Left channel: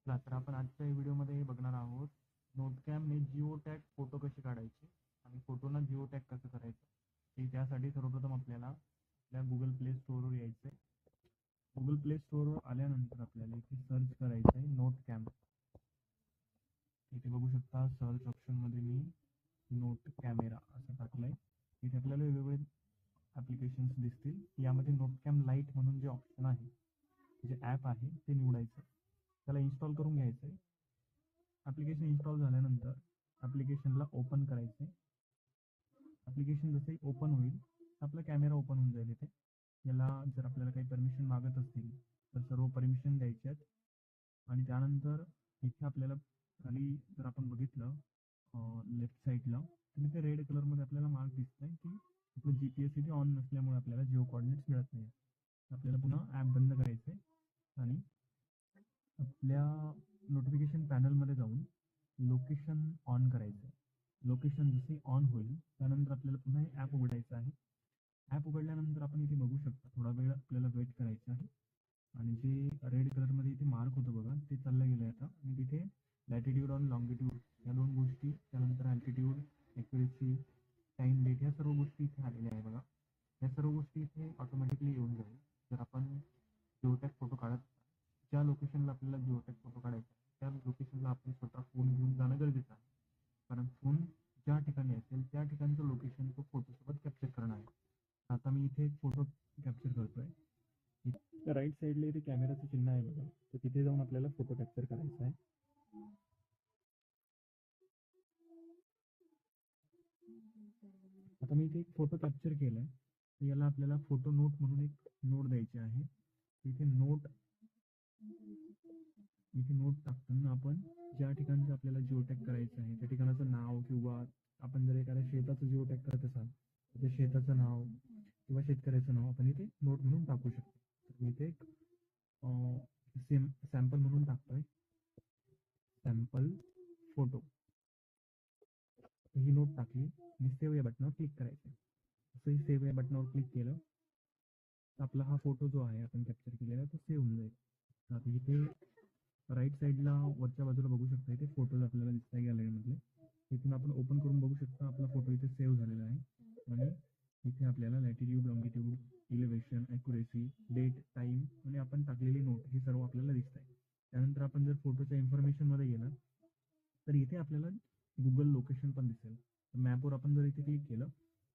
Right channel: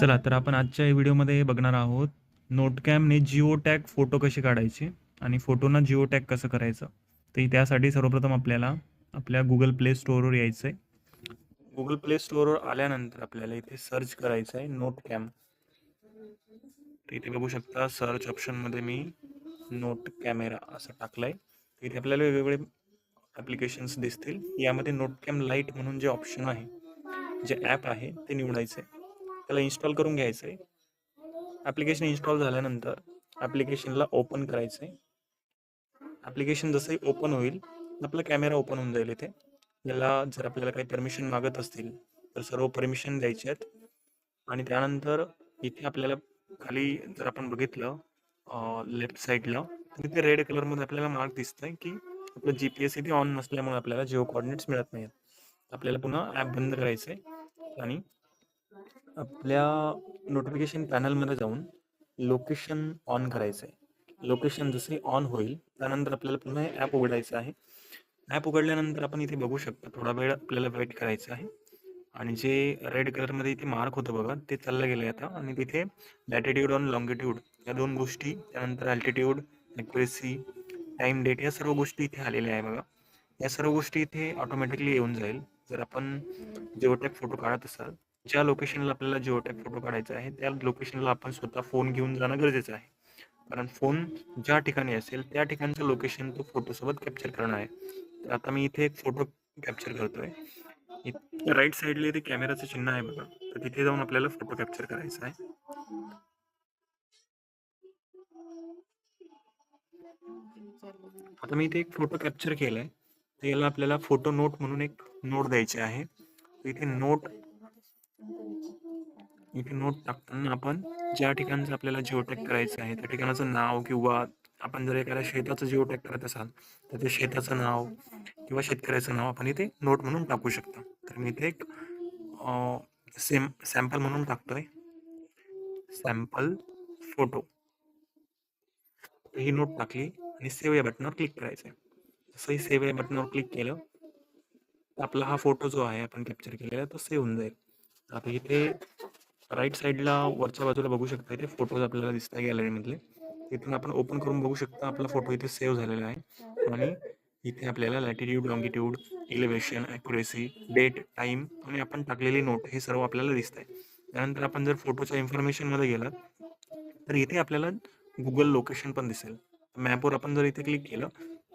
चला तर आपण आजच्या व्हिडिओमध्ये बघणार आहोत नोटकॅमने जिओ टॅग फोटो कसे काढायचे आणि फोटोना जिओ टॅग कसं करायचं. तर त्यासाठी सर्वप्रथम आपल्याला आपल्या गुगल प्ले स्टोअरवर यायचं आहे. गुगल प्ले स्टोअरवर आल्यानंतर आपल्याला इथे सर्च करायचं आहे नोटकॅम. तर इथे बघू शकता सर्च ऑप्शनमध्ये मी नोट कॅमेरा असं टाकलं आहे. इथे आपल्याला वेगवेगळे ॲप्लिकेशन्स दिसतील. यामध्ये नोटकॅम लाईट म्हणून जे ऑप्शन आहे, जे ॲप आहे ते निवडायचं आहे. त्याला इन्स्टॉल करून घ्यायचं आहे. ॲप्लिकेशन इन्स्टॉल झाल्यानंतर ॲप्लिकेशनला ओपन करायचं आहे. ॲप्लिकेशन जसंही ओपन होईल आपला कॅमेरा ओपन होऊन जाईल. इथे याला जर आपल्याला काही परमिशन मागत असतील तर सर्व परमिशन द्यायचे आहेत. आणि त्यानंतर इथे आपल्याला खाली जर आपण बघितलं लेफ्ट साईडला तर इथे रेड कलरमध्ये आपल्याला मार्क दिसत आहे की आपलं GPS इथे ऑन नसल्यामुळे आपल्याला जिओ कोऑर्डिनेट्स मिळत नाहीत. आपल्याला पुन्हा ॲप बंद करायचं आहे आणि आपल्या नोटिफिकेशन पॅनलमध्ये जाऊन लोकेशन ऑन करायचं आहे. लोकेशन जसे ऑन होईल त्यानंतर आपल्याला पुन्हा हे ॲप उघडायचं आहे. ॲप उघडल्यानंतर आपण इथे बघू शकता थोडा वेळ आपल्याला वेट करायचं आहे. आणि जे रेड कलरमध्ये इथे मार्क होतं बघा ते चाललं गेलं आहे आता. आणि तिथे लॅटिट्यूड आणि लॉंगिट्यूड या दोन गोष्टी, त्यानंतर अल्टिट्यूड, ॲक्युरेसी, टाईम, डेट या सर्व गोष्टी इथे आलेल्या आहे बघा. या सर्व गोष्टी इथे ऑटोमॅटिकली येऊन जाईल. जर आपण जिओटॅग फोटो काढत असाल, ज्या लोकेशनला आपल्याला जिओटॅग फोटो काढायचा आहे त्या लोकेशनला आपण स्वतः फोन घेऊन जाणं गरजेचं आहे. कारण फोन ज्या ठिकाणी असेल त्या ठिकाणचं लोकेशन तो फोटोसोबत कॅप्चर करणार आहे. तर आता मी इथे एक फोटो कॅप्चर करतोय. राईट साईडला इथे कॅमेराचं चिन्ह आहे बघा, तर तिथे जाऊन आपल्याला फोटो कॅप्चर करायचा आहे. आता मी इथे एक फोटो कॅप्चर केलाय. तर याला आपल्याला फोटो नोट म्हणून एक नोट द्यायची आहे. इथे नोट टाकताना आपण ज्या ठिकाणचं आपल्याला जिओटॅग करायचं आहे त्या ठिकाणाचं नाव, किंवा आपण जर एखाद्या शेताचं जिओटॅग करत असाल तर ते शेताचं नाव किंवा शेतकऱ्याचं नाव आपण इथे नोट म्हणून टाकू शकता. तर मी इथे एक सॅम्पल म्हणून टाकतोय, सॅम्पल फोटो. ही नोट टाकली आणि सेव्ह या बटनावर क्लिक करायचं आहे. जसंही सेव्ह या बटनावर क्लिक केलं आपला हा फोटो जो आहे आपण कॅप्चर केलेला तो सेव्ह होऊन जाईल. आता इथे राईट साईडला वरच्या बाजूला बघू शकता इथे फोटोज आपल्याला दिसत आहे गॅलरीमधले. इथून आपण ओपन करून बघू शकता आपला फोटो इथे सेव्ह झालेला आहे. आणि इथे आपल्याला latitude, longitude, elevation, accuracy, date, time आणि आपण टाकलेली नोट हे सर्व आपल्याला दिसत आहे. त्यानंतर आपण जर फोटोच्या इन्फॉर्मेशनमध्ये गेलात तर इथे आपल्याला गुगल लोकेशन पण दिसेल. मॅपवर आपण जर इथे क्लिक केलं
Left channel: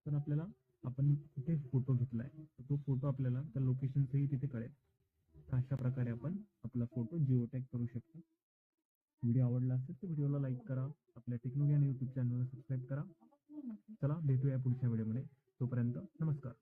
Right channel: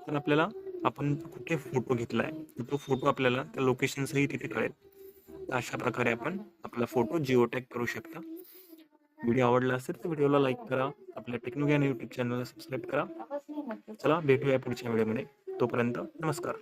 तर आपल्याला आपण कुठे फोटो घेतला आहे तर तो फोटो आपल्याला त्या लोकेशनसही तिथे कळेल. तर अशा प्रकारे आपण आपला फोटो जिओटॅग करू शकता. व्हिडिओ आवडला असेल तर व्हिडिओला लाईक करा, आपल्या टेक्नोज्ञान यूट्यूब चॅनलला सबस्क्राईब करा. चला भेटूया पुढच्या व्हिडिओमध्ये. तोपर्यंत नमस्कार.